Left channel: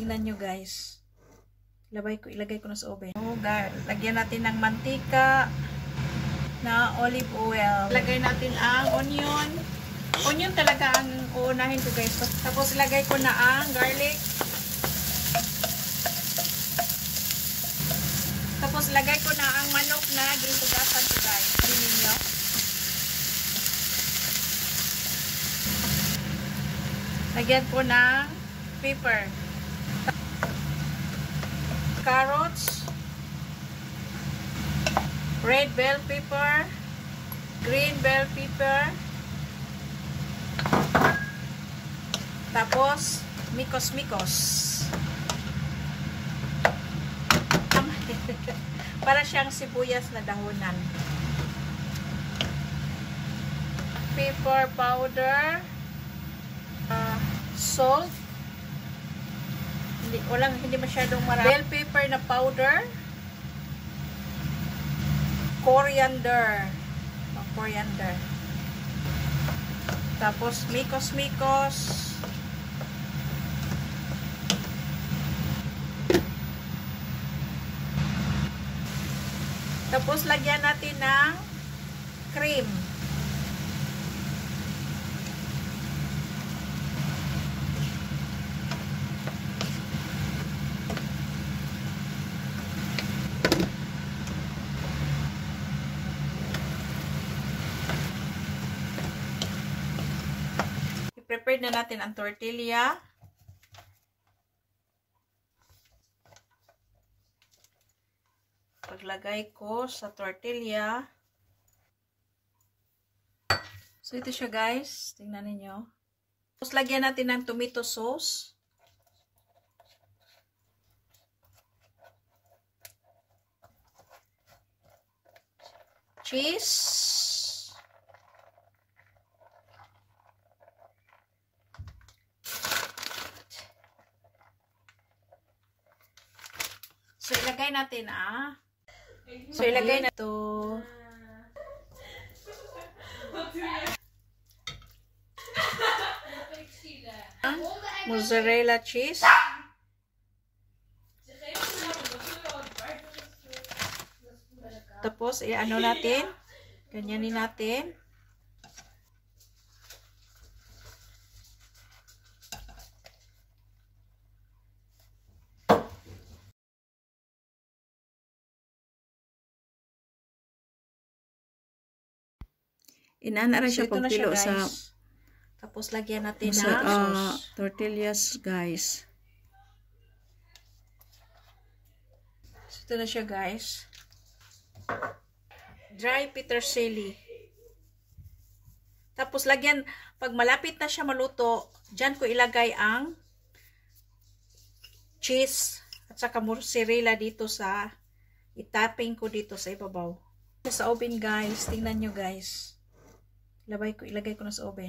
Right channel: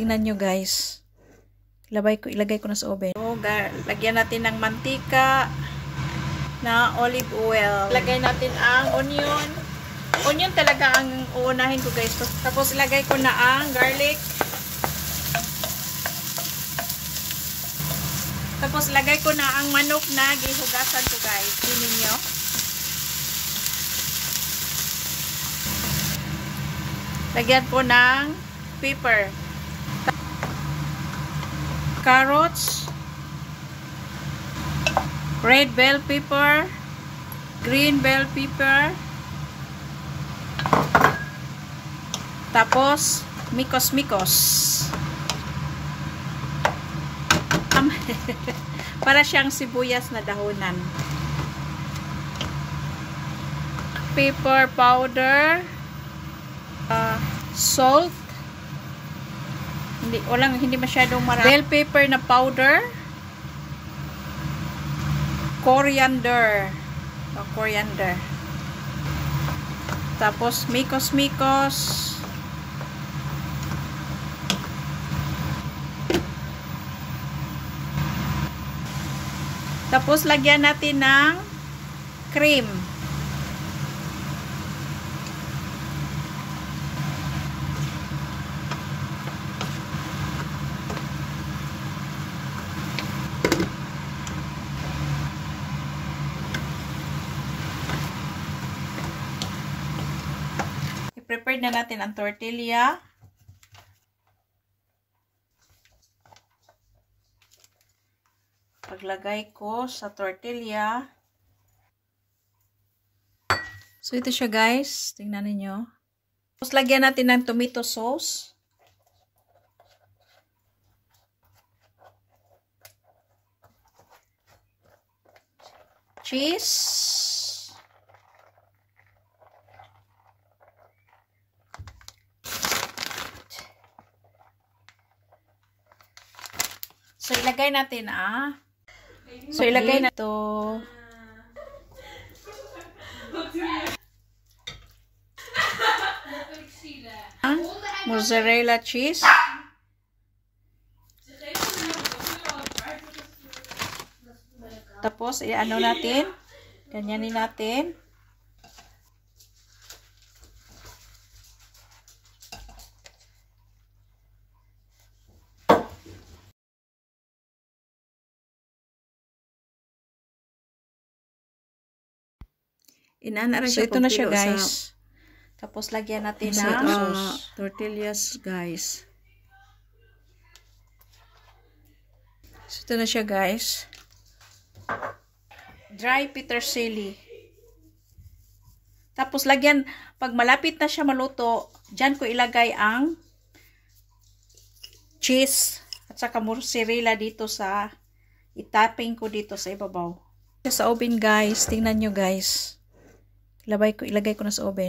Tingnan nyo guys. Ilagay ko na sa oven. So, lagyan natin ng mantika na olive oil. Lagay natin ang onion. Onion talaga ang uunahin ko guys. Tapos ilagay ko na ang garlic. Tapos lagay ko na ang manok na gihugasan ko guys. Tingnan nyo. Lagyan po ng pepper. Carrots, red bell pepper, green bell pepper, tapos mikos-mikos. Para siyang sibuyas na dahonan. Pepper powder, salt, hindi masyadong marami. Bell pepper na powder, coriander, tapos mikos-mikos, tapos lagyan natin ng cream. I-prepare na natin ang tortilla. Paglagay ko sa tortilla. So, ito siya guys. Tingnan ninyo. Tapos, lagyan natin ng tomato sauce. Cheese. So, ilagay natin So, ilagay na ito. Mozzarella cheese. Tapos, i-ano natin. Ganyanin natin. Inana siya ito na siya guys. Tapos lagyan natin ng tortillas guys. So, ito na siya guys. Dry petersilie. Tapos lagyan, pag malapit na siya maluto, dyan ko ilagay ang cheese at saka mozzarella dito sa itaping ko dito sa ibabaw. Sa oven guys, tingnan nyo guys. Ilagay ko na sa oven.